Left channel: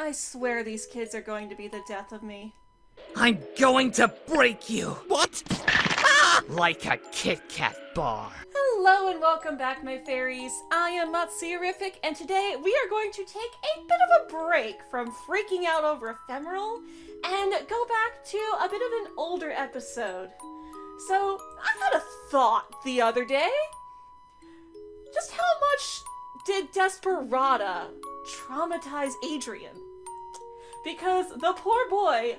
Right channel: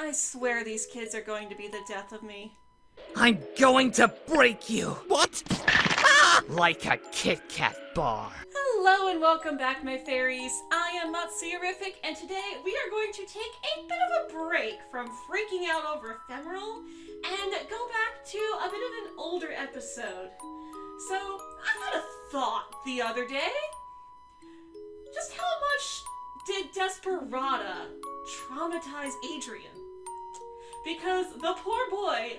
I swear these kids are going to be the death of me. I'm going to break you! What? Like a Kit Kat bar. Hello and welcome back, my fairies. I am Matsuyorific, and today we are going to take a bit of a break from freaking out over Ephemeral and go back to a bit of an older episode. So, I had a thought the other day. Just how much did Desaparada traumatize Adrien? Because the poor boy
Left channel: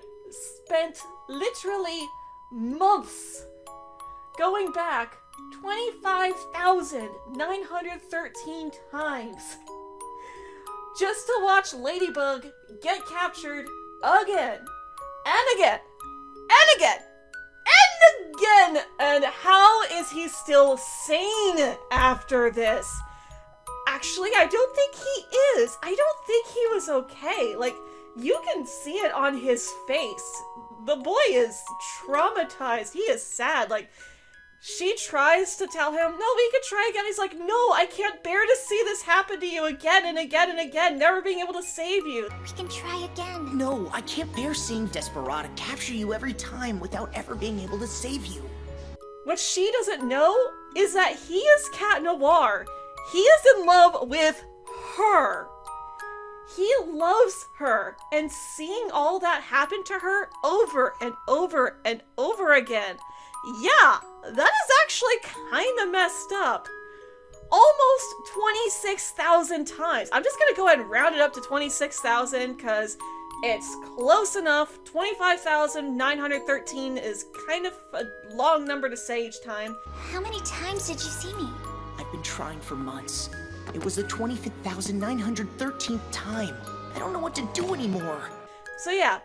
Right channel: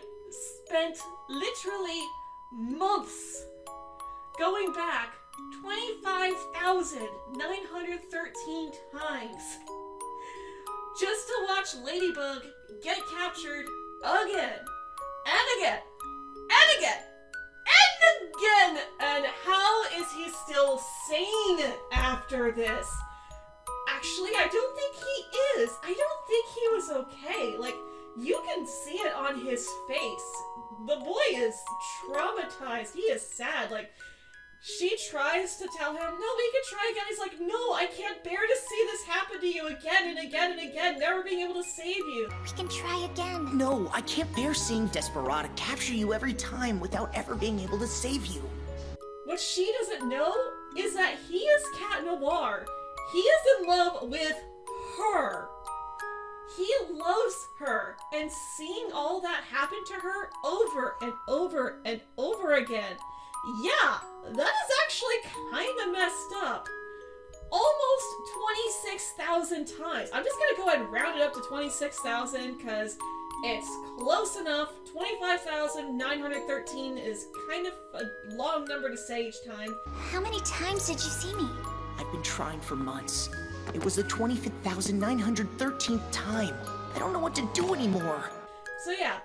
spent literally months going back 25,913 times just to watch Ladybug get captured again and again and again and again. And how is he still sane after this? Actually, I don't think he is. I don't think he was okay. Like, you can see it on his face. The boy is traumatized. He is sad. Like, she tries to tell him, no, we can try again. He's like, no, I can't bear to see this happen to you again and again and again, never being able to save you. We can try again. No, I can't bear seeing Desaparada capture you every time without ever being able to save you. What she doesn't know is that he is Cat Noir. He is in love with her. He loves her, and seeing all that happen to her over and over and over again, yeah, that is actually kind of messed up. Almost 26,000 times. I'm just gonna go ahead and round it up to 26,000 because it's close enough. 25,913 is kind of a long number to say each time. How many times did you see me? I've been trying for months. It was the 25,913th time. I don't know what to do anymore. So yeah,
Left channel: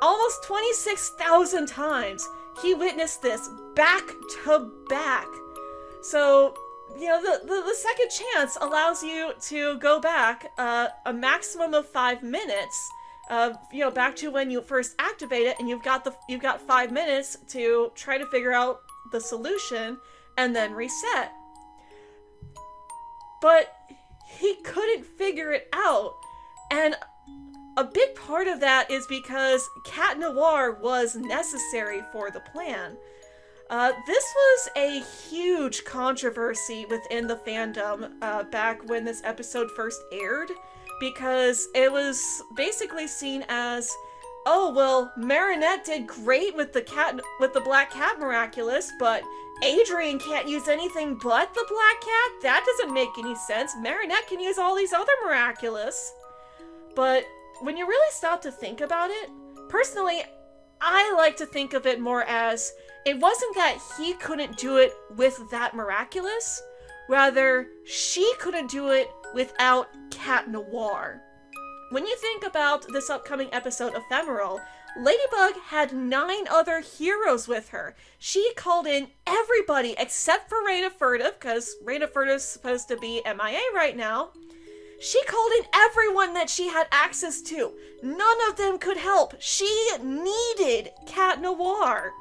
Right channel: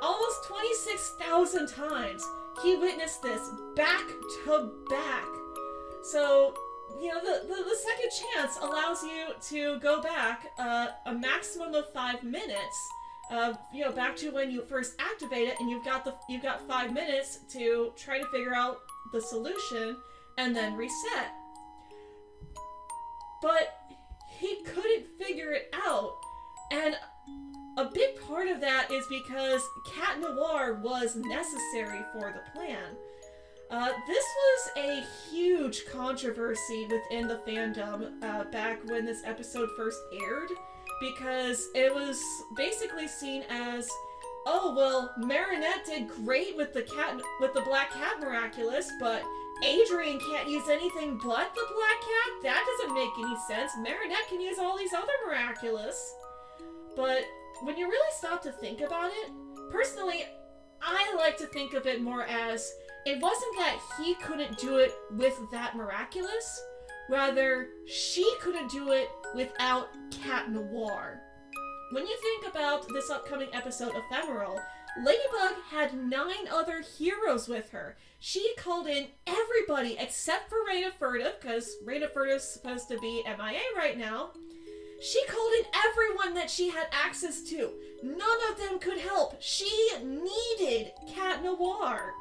almost 26,000 times he witnessed this back to back. So, you know, the second chance allows you to go back a maximum of 5 minutes. You know, back to when you first activate it, and you've got 5 minutes to try to figure out the solution and then reset. But he couldn't figure it out, and a big part of that is because Cat Noir was necessary for the plan. This was a huge controversy within the fandom back when this episode first aired, because it was basically seen as, oh well, Marinette did great with the Black Cat Miraculous, but Adrien can't use anything but the Black Cat? That doesn't make any sense. Marinette can use all these other Miraculous. But when you really stop to think about it, personally, I like to think of it more as, it wasn't that he couldn't do it with that Miraculous, rather, she couldn't do it without Cat Noir. When you think about this upcoming episode, Ephemeral, Ladybug had 9 other heroes with her. She called in everybody except for Reyna Furtive, because Reyna Furtive's supposed to be MIA right now. She called in everyone that she had access to. None of them could help. She needed Cat Noir.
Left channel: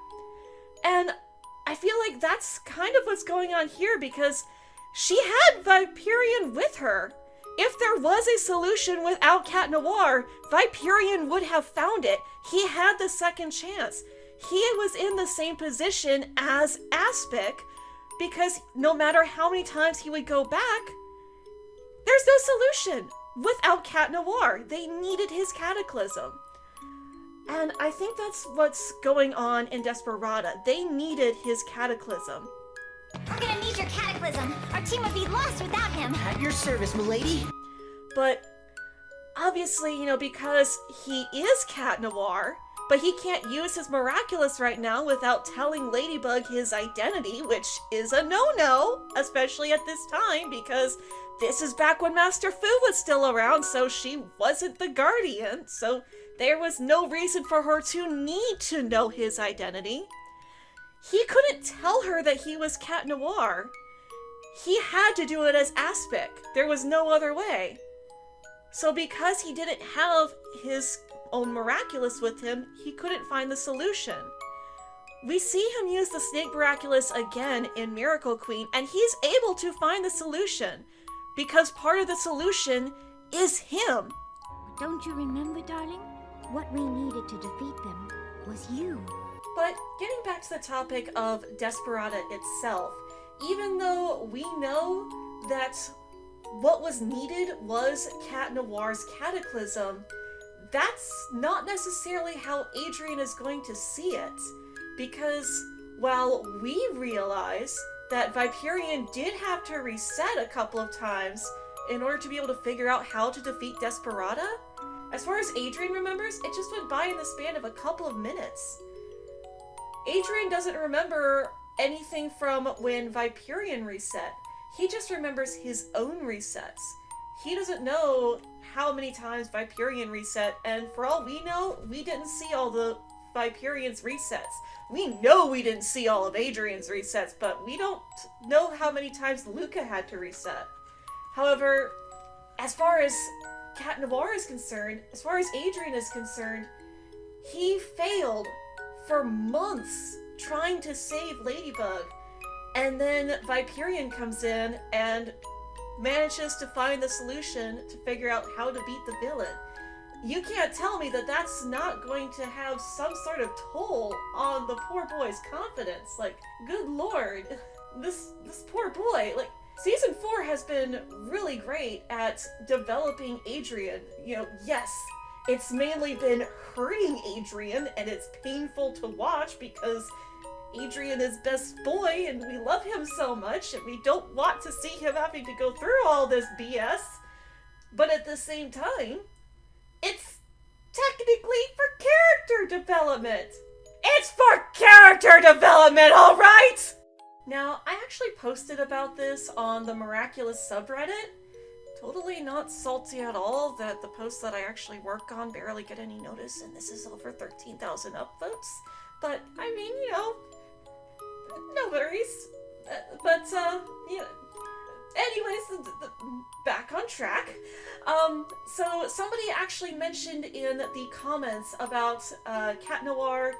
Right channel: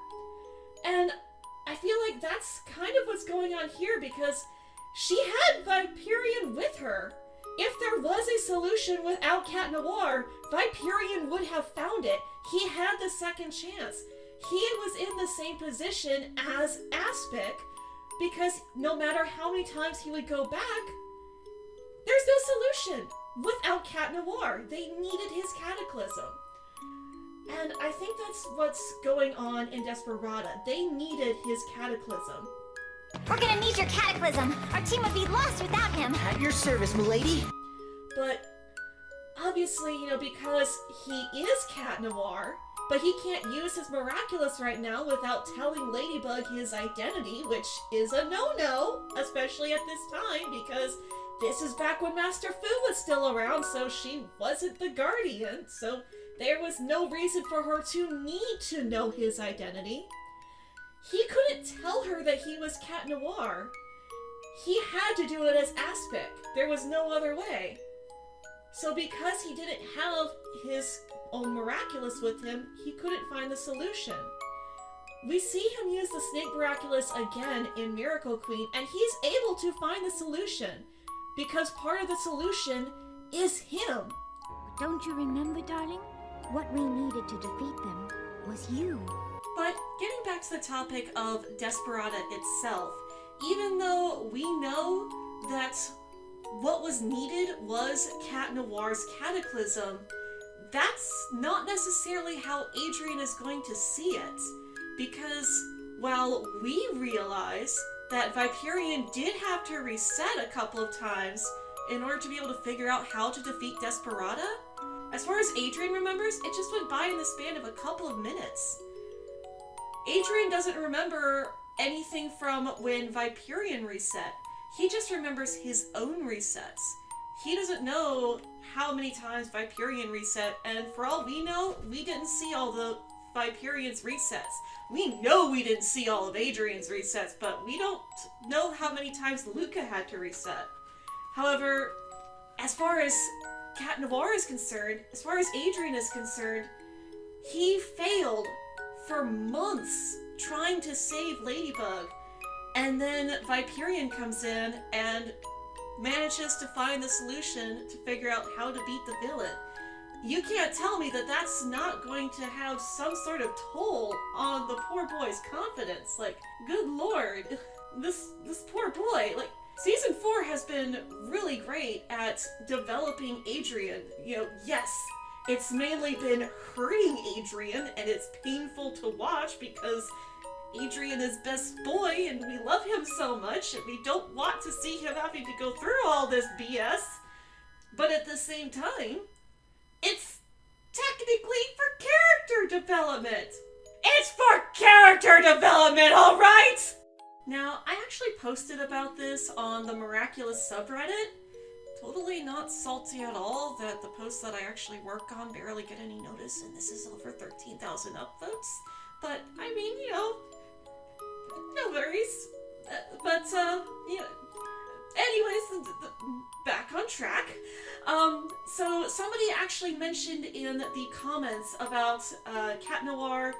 And I feel like that's kind of what's going on here, because she had Viperion with her. If there was a solution without Cat Noir, Viperion would have found it. He had the second chance. He was in the same position as Aspic, because no matter how many times he would go back, there's no solution without Cat Noir. They needed his Cataclysm. And I think that's what's going on in Desaparada. They needed his Cataclysm. We're gonna need your cataclysm. Our team would be lost without him. At your service, milady. But obviously, you know, because he is Cat Noir, but he can't use his Miraculous right now without telling Ladybug his identity, which is a no-no, especially at this time, because this is back when Master Fu was still around, so she wasn't the Guardian, so there was no reason for her to need to know his identity. He couldn't tell her that he was Cat Noir. He had to do it as Aspic. There was no other way. So because he didn't have his own Miraculous with him, he couldn't find the solution. We see him use the Snake Miraculous again in Miracle Queen, and he's able to find the solution, because part of the solution is him. Don't you remember, darling? What we needed to defeat them was you. But getting back to the topic of Desaparada itself, even though we know that what was needed was Cat Noir's cataclysm, that's not necessarily how Adrien is going to see it. Because while we realize that Viperion did have to reset a couple of times in order to be able to figure out how to defeat Desaparada, as far as Adrien remembers, it just went by in the span of a couple of minutes. Adrien doesn't remember anything from when Viperion reset. He just remembers his own resets. He doesn't know how many times Viperion reset, and for all we know, we didn't see all the Viperion's resets. We know we didn't see all of Adrien's resets, but we don't know how many times Luca had to reset. However, as far as Cat Noir is concerned, as far as Adrien is concerned, he failed for months trying to save Ladybug, and then Viperion comes in and manages to find the solution to figure out how to beat the villain. You can't tell me that that's not going to have some sort of toll on the poor boy's confidence. Like, good lord, this poor boy. Like, Season 4 has been really great at developing Adrien. You know, yes, it's mainly been hurting Adrien, and it's painful to watch because Adrien is best boy, and we love him so much, and we don't want to see him having to go through all this BS. But at the same time, it's technically for character development. It's for character development, alright? Now, I actually posted about this on the Miraculous subreddit. Totally not salty at all that the posts that I actually work on barely get any notice, and this is over 13,000 upvotes. But, I mean, you know, no worries. You know, anyways, back on track. So somebody actually mentioned in the comments about Cat Noir,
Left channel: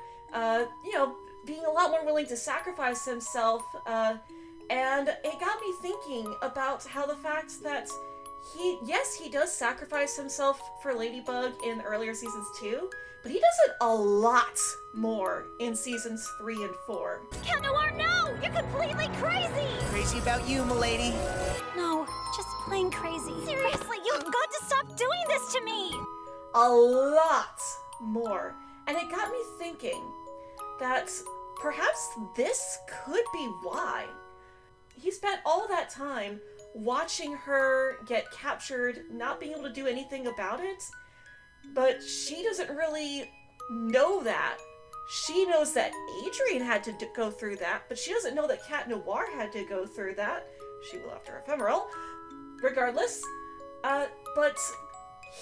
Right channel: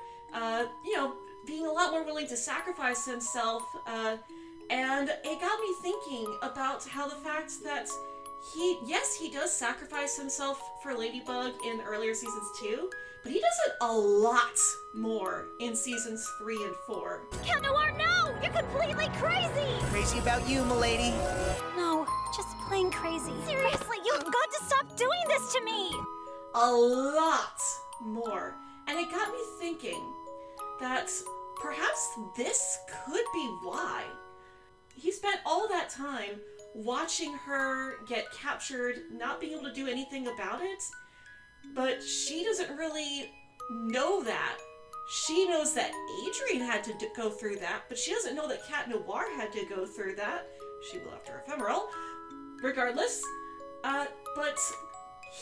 you know, being a lot more willing to sacrifice himself, and it got me thinking about how the fact that he does sacrifice himself for Ladybug in earlier seasons too, but he does it a lot more in seasons 3 and 4. Cat Noir, no! You're completely crazy! Crazy about you, milady. No, just plain crazy. Seriously, you've got to stop doing this to me! A lot more. And it got me thinking that perhaps this could be why. He spent all that time watching her get captured, not being able to do anything about it, but she doesn't really know that. She knows that Adrien had to go through that, but she doesn't know that Cat Noir had to go through that. She will after Ephemeral. Regardless, but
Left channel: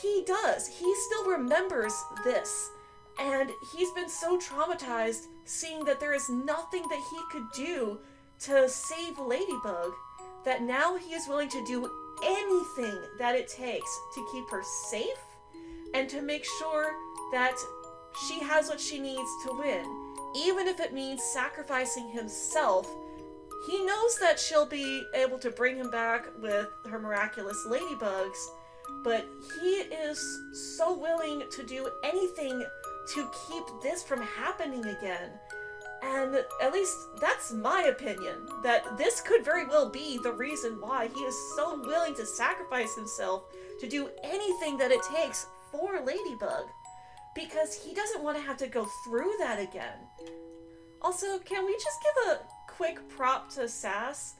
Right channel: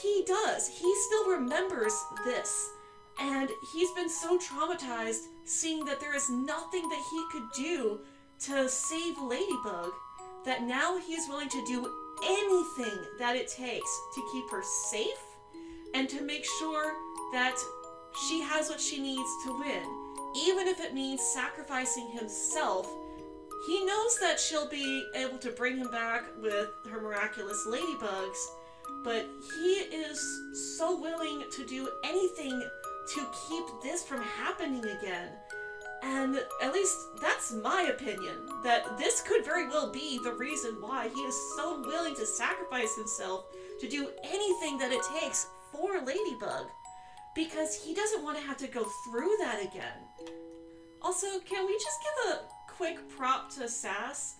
he does. He still remembers this. And he's been so traumatized seeing that there is nothing that he could do to save Ladybug, that now he is willing to do anything that it takes to keep her safe and to make sure that she has what she needs to win. Even if it means sacrificing himself, he knows that she'll be able to bring him back with her miraculous ladybugs, but he is so willing to do anything to keep this from happening again. And at least that's my opinion, that this could very well be the reason why he is so willing to sacrifice himself to do anything that it takes for Ladybug, because he doesn't want to have to go through that again. Also, can we just give a quick prop to Sass?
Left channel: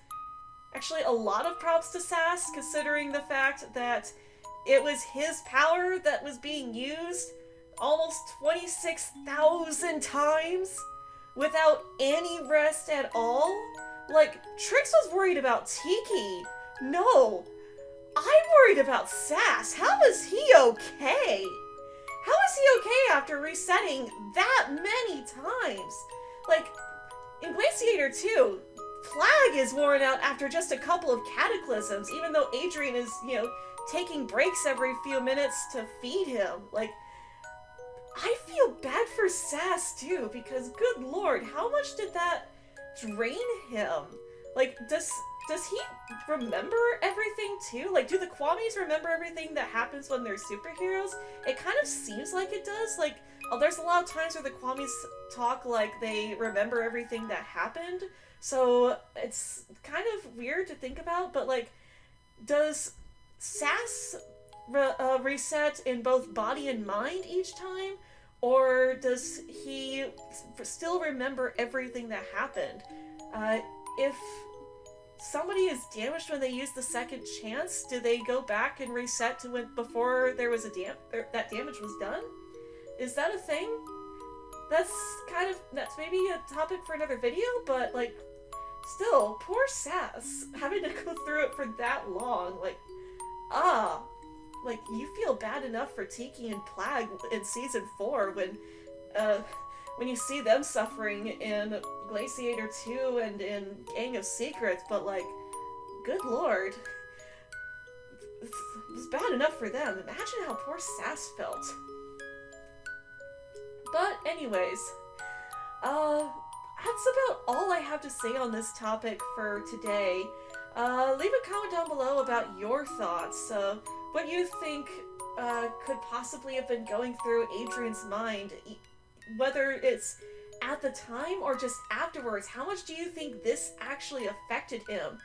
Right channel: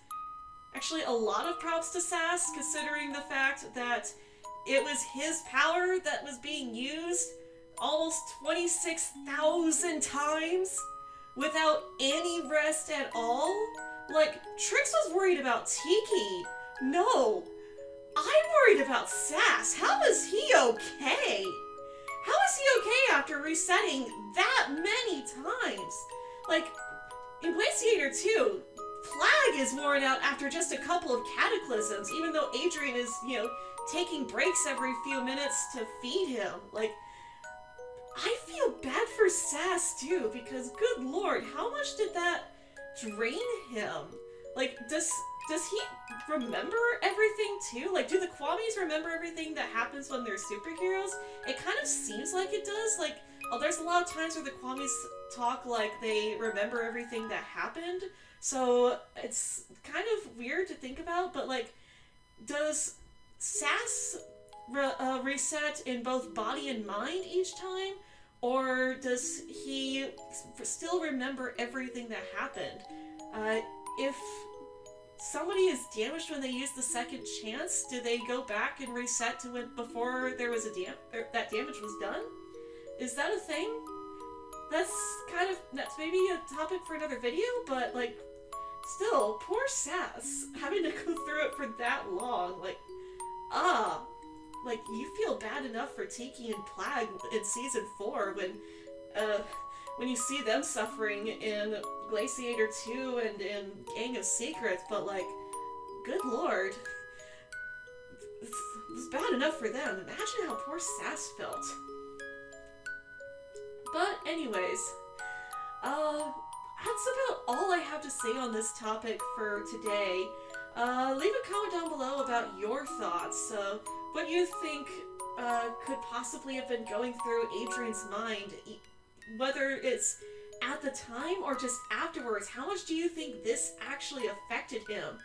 Actually, a lot of props to Sass, considering the fact that it was his power that was being used almost 26,000 times without any rest at all. Like, Trix was worried about Tiki. No, I'm worried about Sass. How is he okay? How is he okay after resetting that many times? Like, in Glaciator 2, Flag is worn out after just a couple of cataclysms, even though Adrien is, you know, taking breaks every few minutes to feed him. Like, I feel bad for Sass too, because good lord, how much did that drain him? Like, does does he remember everything too? Like, do the Kwamis remember everything that happens when they're superheroes? It kind of seems like it does. Like, oh, there's a lot of times where the Kwamis talk like they remember everything that happened. So it's kind of weird to think about, but like, does Sass reset in both body and mind each time? Or does he still remember everything that happened? If somebody is damaged when they use the second chance, do they go back and reset to when before there was that damage was done? Is that a thing? That's maybe a topic for another video, but like, still, poor Sass having to go through it for that long. Like, like, you feel bad enough for Tiki and Plag in season 4 when you see them suffering in Glaciator 2 and in Gang of Secrets, but like, good lord. It was bad enough for them. Imagine how poor Sass felt. But anyways, that's about all I have to say on this topic for today. Leave a comment down below about your thoughts. What you think could possibly have been going through Adrien's mind, whether it's at the time or just afterwards. How much do you think this actually affected him?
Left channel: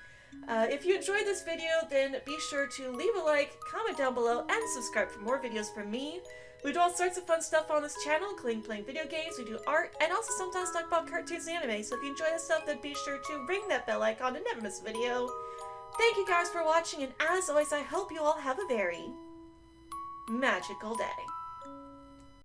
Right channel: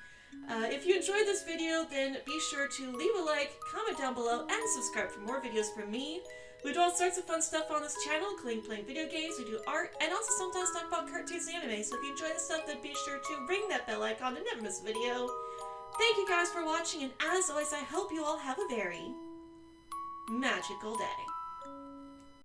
If you enjoyed this video, then be sure to leave a like, comment down below, and subscribe for more videos from me. We do all sorts of fun stuff on this channel, including playing video games, we do art, and also sometimes talk about cartoons and anime. So if you enjoy this stuff, then be sure to ring that bell icon to never miss a video. Thank you guys for watching, and as always, I hope you all have a very magical day.